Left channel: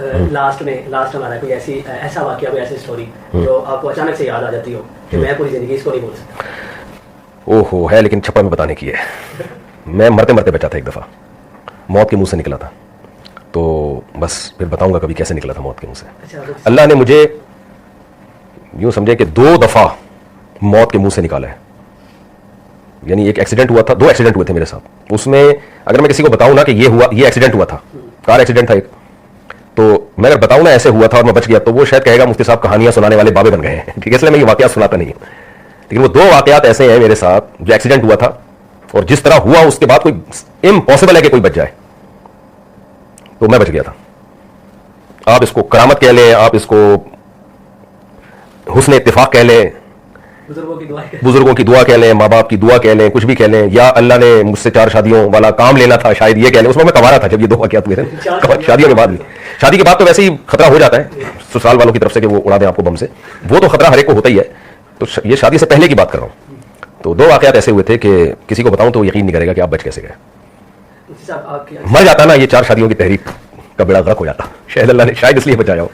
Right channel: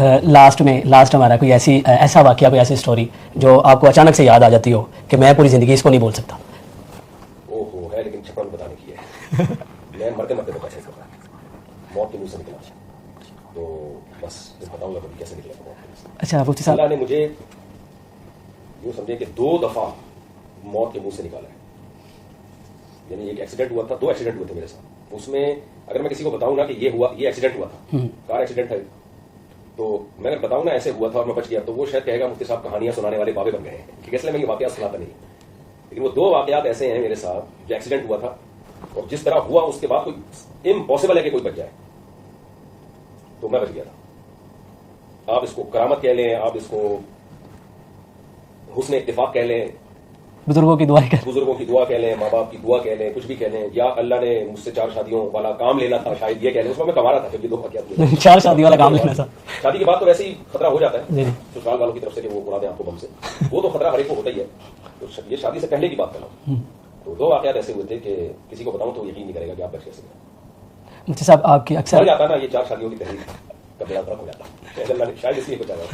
Last ہمارا کوئی ایسا واقعہ, کوئی ایسی اسٹوری جو آپ کو اچانک سے یاد آ جاتی ہو کہ میں پوری زندگی اس کو نہیں بول سکتا؟ اوہو ہے, لیکن چھپا میں بتانے کی ہے. میں مرتے مرتے بچا تھا ایک دفعہ, موت کے منہ سے نکلا تھا, تو بس پھر بتاؤں گا کبھی کیسے نکلا تھا موت کے منہ سے. اچھا, اللہ نے مجھے یوں سمجھے کہ 2 دفعہ موت کے منہ سے نکالا ہے. یعنی ایک ایکسیڈنٹ ہوا تھا, 2 ایکسیڈنٹ ہوئے تھے میرے ساتھ. اس میں اگر میں کسی کو بتاؤں نا کہ یہ ایکسیڈنٹ ہوا تھا, کار ایکسیڈنٹ تھا ایک, تو میں اگر بتاؤں نا ایسے ہوا تھا اور میں بچ گیا, تو وہ شاید کہے گا مفتی صاحب کہانیاں سنانے والے بابے بن گئے ہیں. ٹھیک ہے, اس لیے میں یہ واقعات سناتا نہیں ہوں. لیکن وہ 2 واقعات ایسے ہیں میرے ساتھ جو ایکسیڈنٹ ہوا تھا, اور جس طرح ہوا اس کے بعد کوئی امپاسبل ہے کہ کوئی بچ جائے, تو میں بچ گیا تھا. آپ اس کو کرامت کہہ لیں, آپ اس کو حسن اتفاق کہہ لیں, بزرگوں کی دعا کہہ لیں, ماں باپ کی دعا کہہ لیں, کچھ بھی کہہ لیں, یا اللہ نے مجھ سے 4 شادیوں والا کام لینا تھا شاید یہ کہہ لیں. اس میں کمارا تھا جب یہ 2 واقعات ہوئے تھے. شادیوں کے بعد, شادی کے بعد تو ویسے ہی خطرہ ہو جاتا ہے سسرال والوں کی طرف سے کہ وہ اڑا دیں آپ کو بم سے, وہ تو خطرہ ہر ایک کو ہوتا ہی ہے. تو یہ شادی سے پہلے کی بات کر رہا ہوں. تو 2 واقعات ایسے ہوئے تھے کہ کسی کو بتاؤں تو یقین نہیں کرے گا کہ آپ بچ کیسے گئے. مر جاتا نا یہ 4 شادیوں کی تحریک کا بیڑا غرق ہو جاتا. شاید اللہ نے شاید اس لیے بچایا ہو.